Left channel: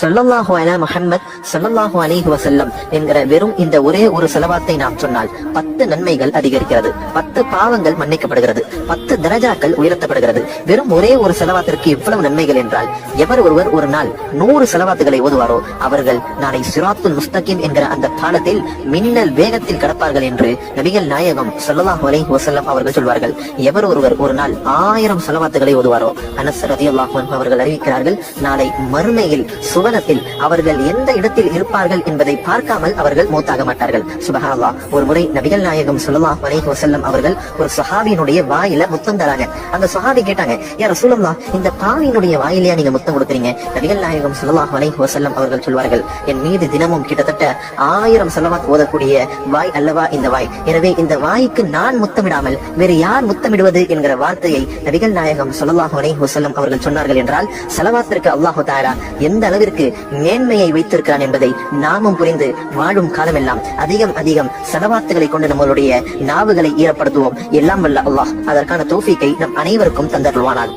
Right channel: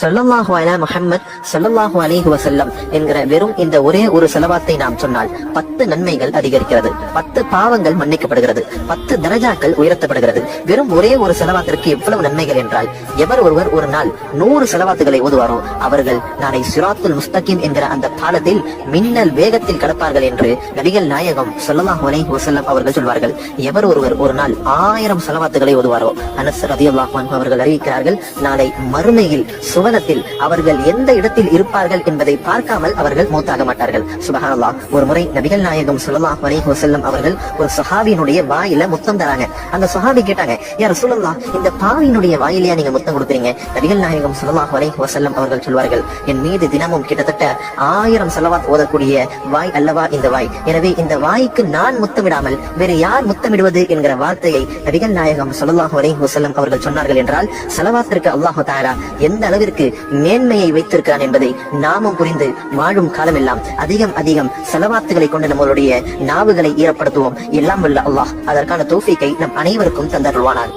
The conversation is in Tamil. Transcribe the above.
ஸல்லல்லாஹு அலா முஹம்மத் ஸல்லல்லாஹு அலைஹி வஸல்லம் என்கிற வெறும் இந்த ஒரே ஒரு ஸலவாத்தை நாம் சொன்னால் 10 நன்மைகள் அதிகரிக்கிறது, 10 பாவங்கள் மன்னிக்கப்படுகிறது, 10 தரஜாக்கள் உயர்த்தப்படுகிறது. வெறும் ஒரே ஒரு ஸலவாத்திற்கு எவ்வளவு நன்மைகள் என்றால், எவர் ஒருவர் ஒரு நாள் 100 ஸலவாத்துகளை ஓதுவாரோ அவர்கள் நாளை சிராத்துல் முஸ்தகீம் என்கிற அந்த பாலத்தில் மின்னல் வேகத்தில் கடப்பார்கள் என்று நபிகள் நாயகம் ஸல்லல்லாஹு அலைஹி வஸல்லம் அவர்கள் சொல்வார்கள். எவர் ஒருவர் ஒரு நாள் 1000 ஸலவாத்துகளை ஓதுவாரோ, அனஸ் ரலியல்லாஹு அன்ஹு அவர்கள் அறிவிக்கிறார்கள், நாளை மறுமையில் சுவனத்தில் அவர்கள் எந்த இடத்தில் இருப்பார்கள் என்பதை பார்க்காமல் அவர்கள் மௌத்தாக மாட்டார்கள். சுப்ஹானல்லாஹ். ஒரு முறை நபிகள் நாயகம் ஸல்லல்லாஹு அலைஹி வஸல்லம் அவர்கள் ஒரு சஹாபியினுடைய வாயில முத்தம் தராங்க. அந்த சஹாபி கேட்டாங்க, யா ரசூலல்லாஹ், இந்த பாவியினுடைய வாயிலையா நீங்க முத்தம் கொடுக்குறீங்க? நபிகள் நாயகம் ஸல்லல்லாஹு அலைஹி வஸல்லம் அவர்கள் சொல்வார்கள், என் மீது தினமும் கிட்டத்தட்ட 1000 ஸலவாத் ஓதக்கூடிய வாய் அல்லவா இந்த வாய். எனவே இந்த வாய்க்கு நான் முத்தமிடாமல் வேறு யார் முத்தமிடுவது என்கிற வார்த்தையை நபிகள் நாயகம் ஸல்லல்லாஹு அலைஹி வஸல்லம் அவர்கள் சொன்னார்கள் என்றால், ஸலவாத்திற்கு அல்லாஹ் தஆலா எந்த அளவிற்கு மேன்மையை வைத்திருக்கிறான் என்பதை நாமும் புரிந்து வாழும் காலமெல்லாம் அதிகம் ஸலவாத்துகளை கொண்டு நம்மளுடைய நாவுகளை ஈரப்படுத்துவோம். எல்லாம் வல்ல அல்லாஹ் அதற்கான தௌஃபீக்கை நம் அனைவருக்கும் தந்தருள்வானாக.